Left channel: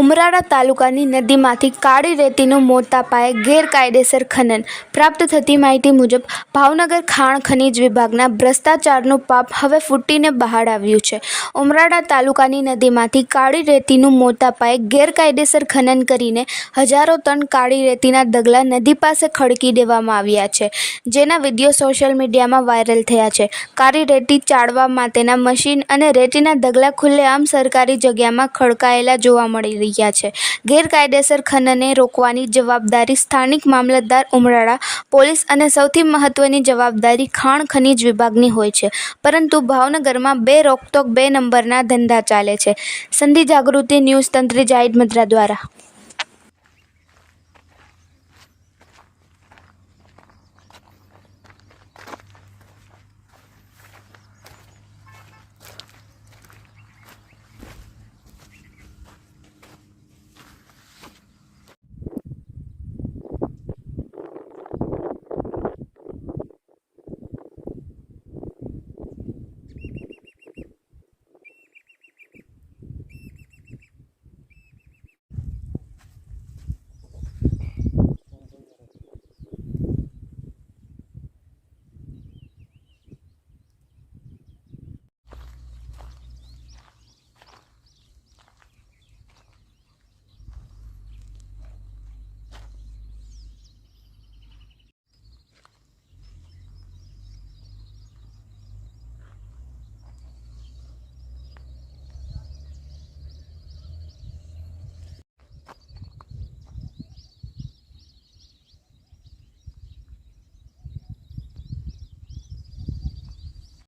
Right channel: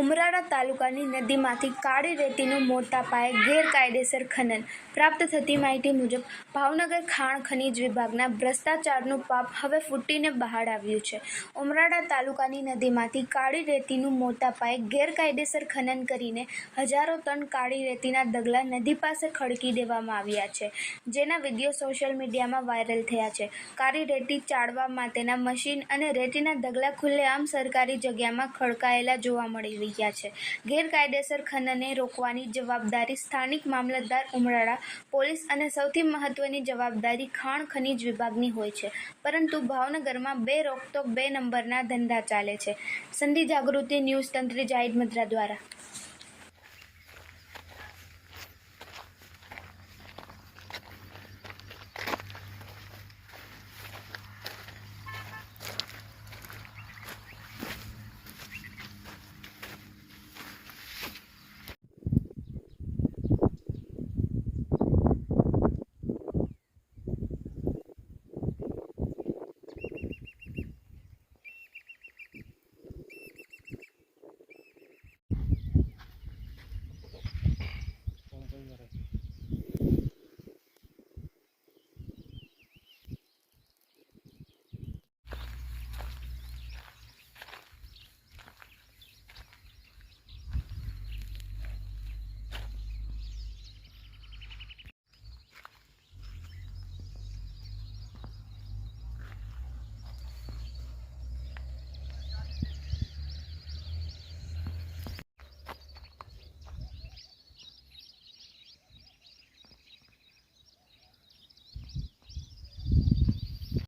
ઉમરાળા તાલુકાની નદીમાંથી કાળી રેતીનું મોટા પાયે ગેરકાયદેસર ખનન. પ્રાપ્ત થતી માહિતી મુજબ ભાવનગર ખાણ ખનીજ વિભાગના ભ્રષ્ટાચારનું પાપ હવે ફૂટીને બહાર આવ્યું છે. ઉમરાળા તાલુકાની નદીમાંથી કાળી રેતીનું મોટા પાયે ગેરકાયદેસર ખનન કરીને હજારો ટન કાળી રેતીના ઢગલા નદી પાસે ખડકી દેવામાં આવ્યા છે, જેના વિડીયો સોશિયલ મીડિયામાં વાયરલ થયા છે. કાળી રેતી ચાળવા માટેના મશીન અને રેતીના ઢગલા ખુલ્લેઆમ સરકારી જગ્યામાં ખડકાયેલા જોવા મળી રહ્યા છે. ગેરકાયદેસર ખનનને રોકવાની જવાબદારી સ્થાનિક મામલતદાર, ઉમરાળા પોલીસ અને સૌથી મહત્વની જવાબદારી ખાણ ખનીજ વિભાગની હોય છે, પરંતુ ભાવનગરમાં બે રોકટોક બે નંબરના ધંધા ચાલે છે. સંધિ જાગૃતિ ન્યૂઝ તંત્રી જાહિદ મદ્રા દ્વારા.